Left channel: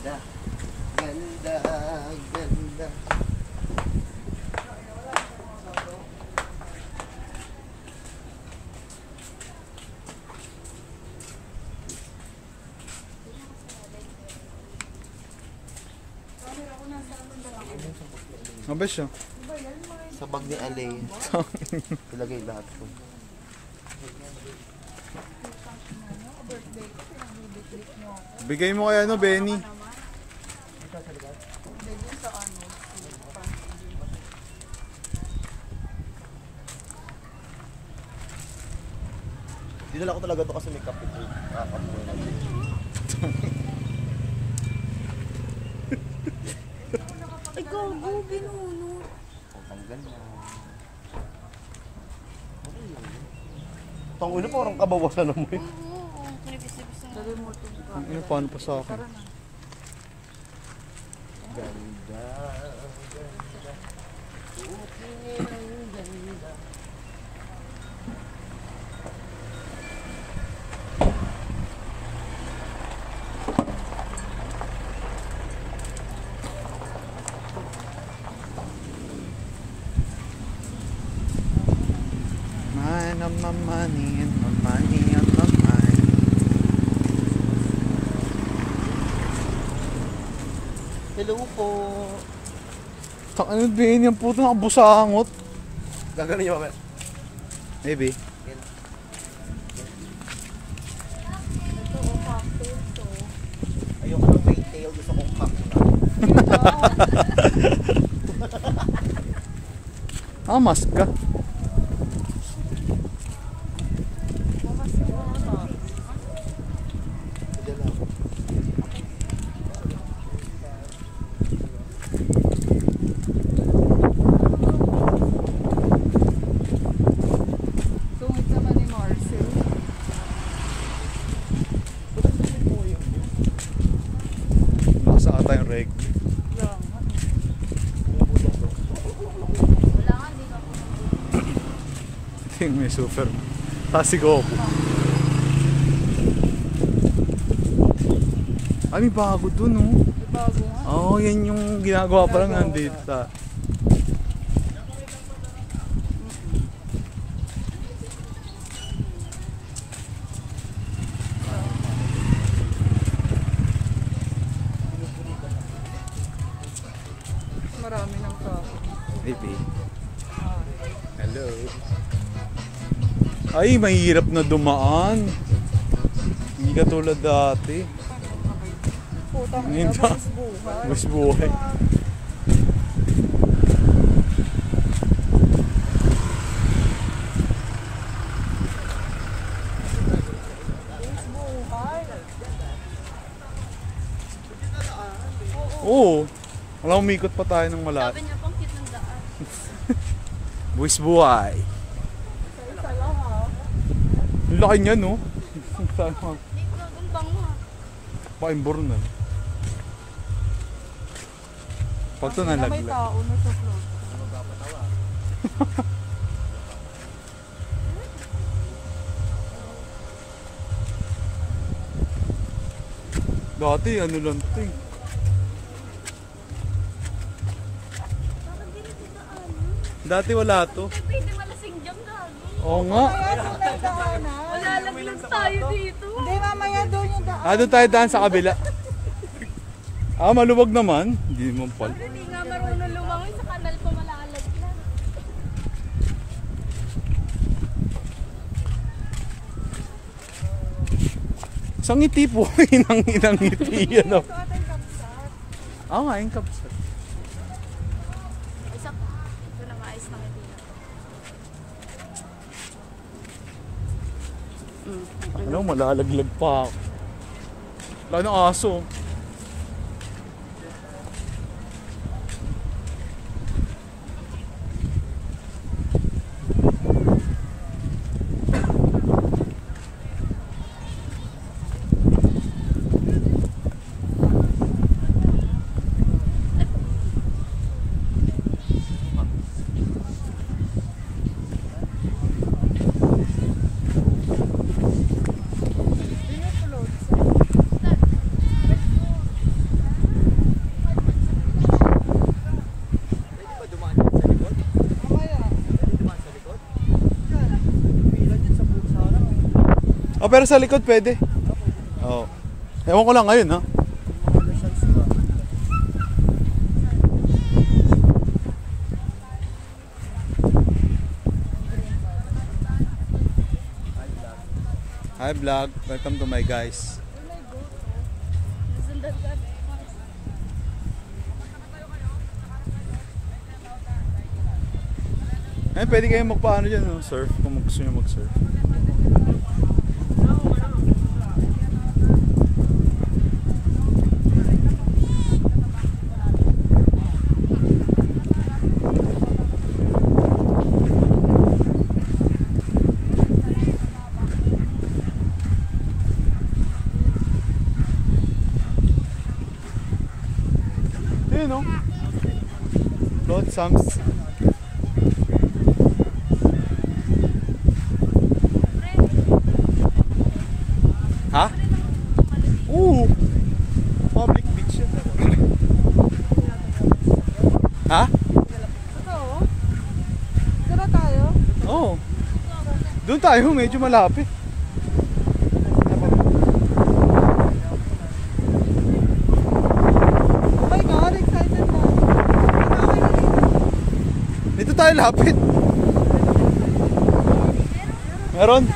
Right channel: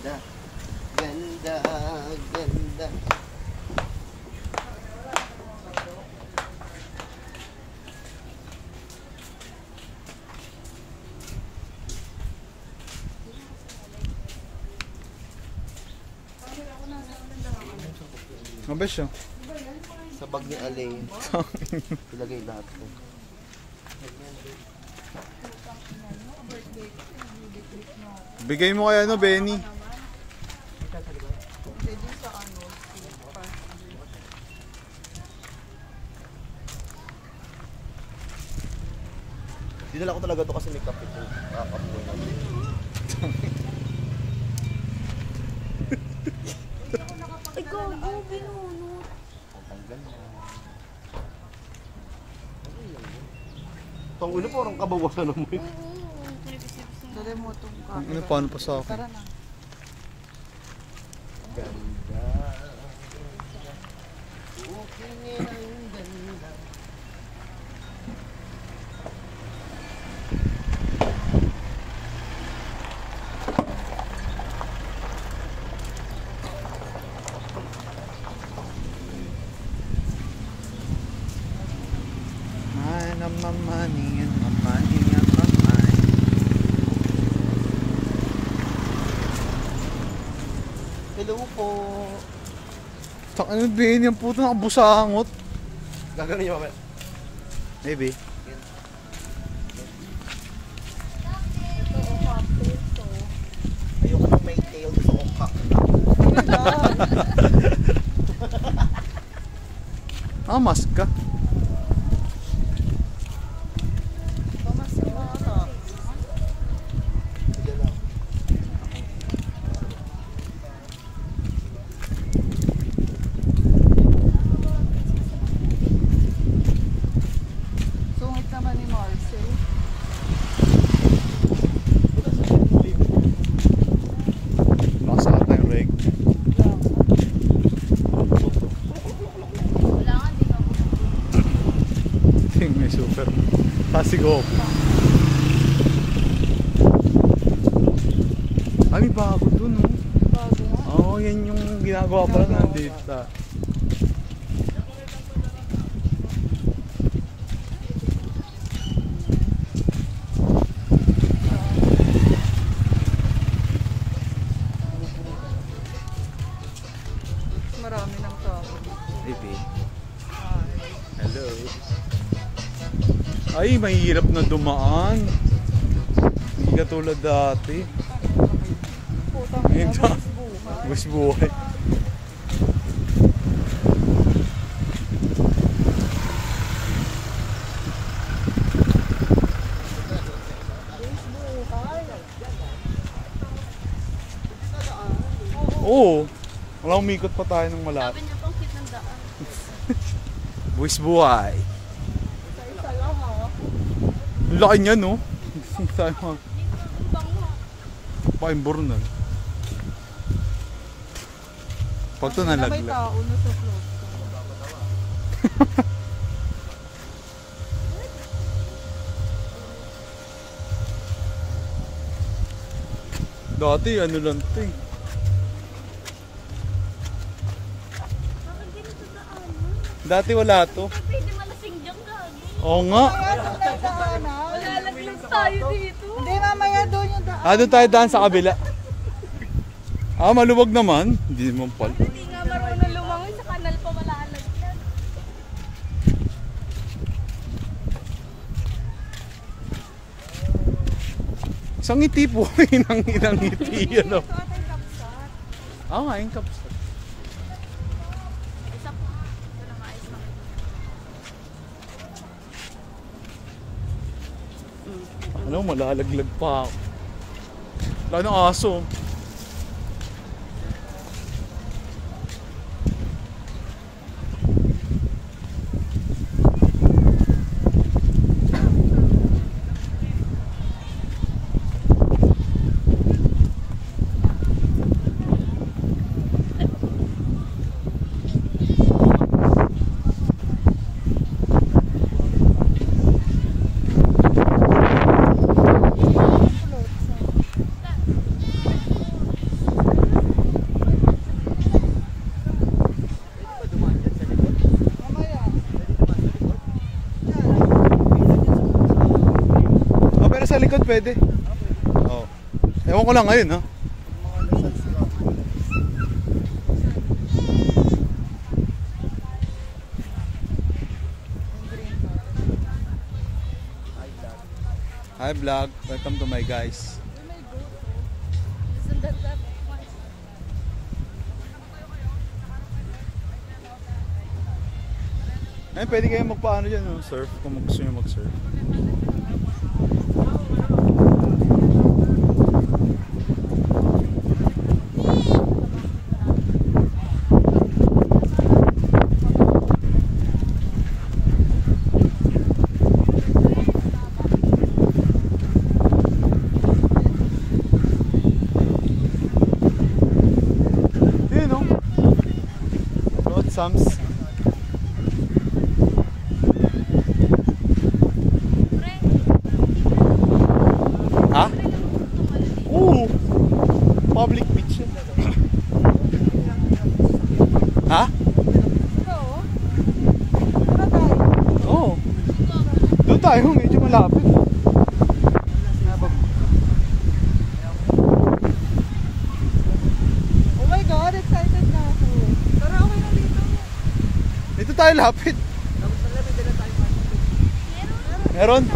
ganda. Ganda, ganda. Mabes siya. Sa bag ni Alay. Ilagay lahat ko. Bigay mo kaya Benny. Dinala ko talaga to kasi may kape ko. Nakakabuhay na. Ay, gago, binunot. Ang tanggal na. Itong ulo parang kabawasan na mo eh. Ang ina, paano pa sa akin? Ganda. Man of my money and my money of my mind. Hello po. Ano din yung puto nakabusangot? Gagano niyo mamaya? Maybe. Ito, o, cocktail to. Ayoko nang may tail doon sa kukak na. Mas ka. Sige na ako. Sungit naman ni Marcel. Makasa ata yung reg. Wala nga, di ka po. Ito yung may super. Tasigo ako. Ay, may bago dun, oh. Bago nga. Oo, yan yung ginagawa pa lang nandito. Marami ng tao. Baby. Hi. Hello. Ay, mahirap na dumaan. Hindi katulad dati. Putang Ngayon ina, ba? buhay buhay. Mas buhay. Buwis buhay. Oo. Wala, umikot pa tayo ng malapit. Sabi niya pang cute ng daan. Buwis buhay. Isa-isa lang ha. Ang laki niya, no? Tayo Ang bango. pa-imbor na. Pag ito May nalaglag. tao nito float. Dati, ano lang ito eh. Bakit ganito daan? Dati wala to. Pwede malasing dyan gago. Oo nga. Wala lang tayo dito. Hindi, mamaya doon yung daan. Ah, doon tayo daan sa kabila. Ah, maluwag naman. Hindi naman pala. Hindi nga marunong lumangoy sa kanal pa malalag yan. Isang ngiti po. Inang ngiti. Ano? Ah, nga, yung kapsat. Isa pa. Ito lang ayos na. Ano, malalaglag pa ako. Wala ng aso. pero sa likod pwede. Oo. Ewan ko lang ngayon, ha? Hi vlog, welcome to my guys. Ay, pwede kayong magpaano dyan, no? Surf, kung gusto nyo mag-surf. Yun, no? Flotsams. Ha? Oo. Public beach yun. Ha? Oo. Doon tayo, medyo malapit. Oh my God, excited na. Dito tayo lapit. Meron?